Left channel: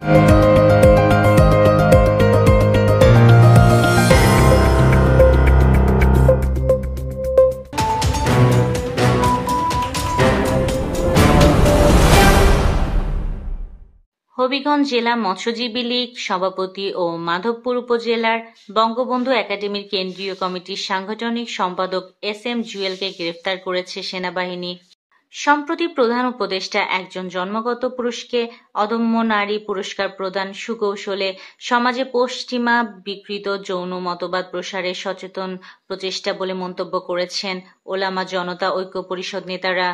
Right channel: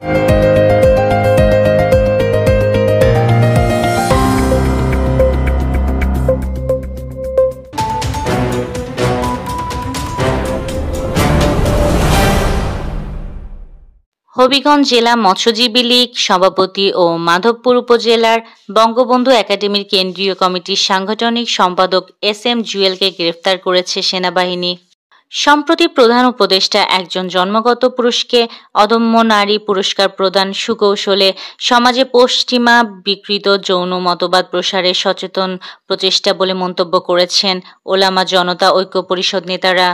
হবিগঞ্জ জেলা মৎস্যজীবী লীগ সভাপতি ও মাধবপুর উপজেলার বঙ্গবন্ধু একাডেমির কেন্দ্রীয় কমিটির সাংগঠনিক সম্পাদক এস.এম. জুয়েলকে গ্রেফতার করেছে সেনাবাহিনী। সম্প্রতি প্রধান উপদেষ্টা একজন জন্মগত পুরুষকে অদম্য নারী পুরস্কার প্রদান সুকৌশলে সমাজে পশ্চিমা বিকৃত যৌন মতবাদ প্রসারের সচেতন প্রচেষ্টা বলে মন্তব্য করেছেন ওলামা জনতা ঐক্য পরিষদ নেতারা।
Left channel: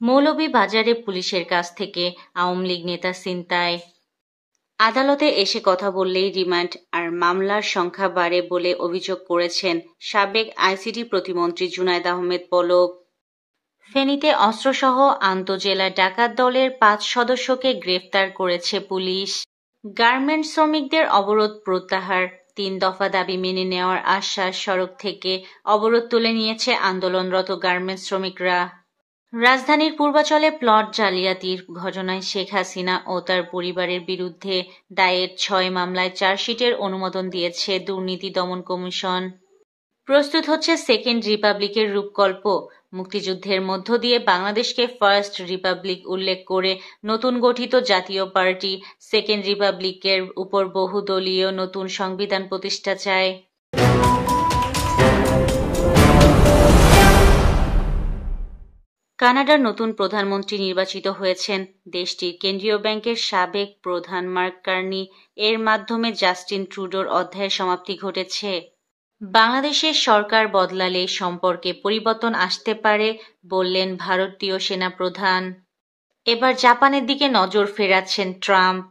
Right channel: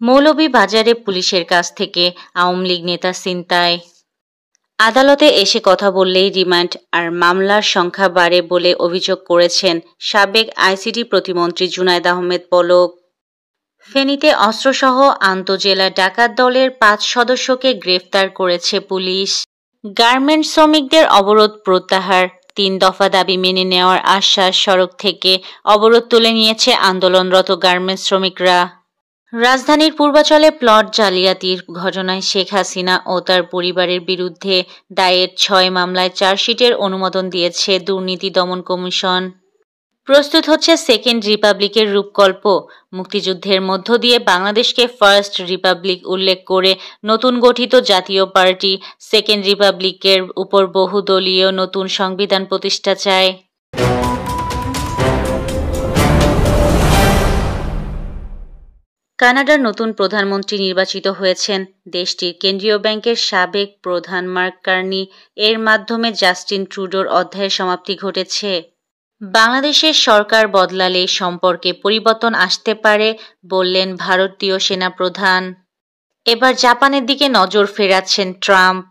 মৌলভীবাজারে পুলিশের কাছ থেকে আওয়ামী লীগ নেতা ছিনতাই। আদালতে এসে কথা বললেই রিমান্ড আর মামলার সংখ্যা বাড়ে বলে অভিযোগ করেছেন সাবেক আইসিটি প্রতিমন্ত্রী জুনায়েদ আহমেদ পলক। ফেনীতে অস্ত্রসহ আন্তজেলা ডাকাত দলের ৫ সদস্যকে গ্রেফতার করেছে পুলিশ। গার্মেন্টস শ্রমিকদের অবরোধ প্রত্যাহার, ৩ দফা দাবি মেনে নেওয়ার আশ্বাস। সড়ক থেকে অবরোধ তুলে নিয়েছে আন্দোলনরত গার্মেন্টস শ্রমিকরা। রাজধানীর পূর্বাচলে প্লট জালিয়াতির ঘটনায় শেখ হাসিনা ও তার পরিবারের বিরুদ্ধে দায়ের ৬ মামলায় চার্জশিটের অনুমোদন দিয়েছে দুর্নীতি দমন কমিশন। প্রস্তুত হচ্ছে সেকেন্ড রিপাবলিকের রূপকল্প। মুক্তিযুদ্ধের মধ্য দিয়ে বাংলাদেশকে ফার্স্ট রিপাবলিক উল্লেখ করে নতুন গঠিত জাতীয় পার্টি সেকেন্ড রিপাবলিকের উপর বহুদলীয় নতুন সংবিধান প্রতিষ্ঠা চায়। কানাডার নতুন প্রধানমন্ত্রী নির্বাচিত হয়েছেন দেশটির কেন্দ্রীয় ব্যাংকের সাবেক প্রধান মার্ক কার্নি। এর মাধ্যমে জাস্টিন ট্রুডোর অধ্যায়ের সমাপ্তি ঘটেছে। বাংলাদেশের সরকার বদলালে সম্পর্কে পরিবর্তন আসতে পারে বললেন ভারতীয় সেনাপ্রধান। এবার জাপানের দিকে নজর ফেরাচ্ছেন ট্রাম্প।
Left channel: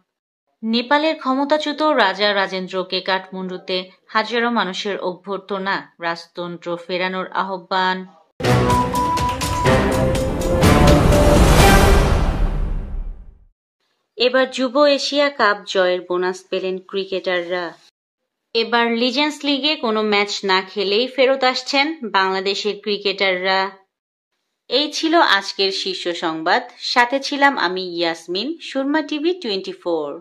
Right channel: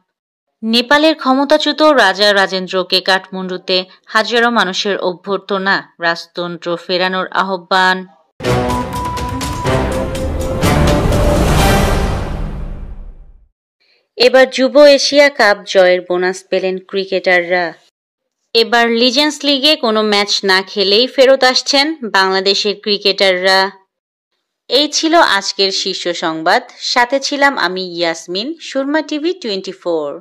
নেপালের ক্ষমতাচ্যুত রাজা রাজেন্দ্রকে কাঠমান্ডুতে হাজারো মানুষের অভ্যর্থনা, রাজতন্ত্র ফেরানোর আহ্বান। এবার যুব এশিয়া কাপ জয়ের বোনাস পেলেন ক্রিকেটাররা। এবার লিজেন্ডস লিগে কোনো ম্যাচ না খেলেই ফেরত আসছেন বাংলাদেশের ক্রিকেটাররা। এই ছিল আজকের শীর্ষ সংবাদ। সাথে ছিলাম আমি ইয়াসমিন, সুরমা টিভি 24।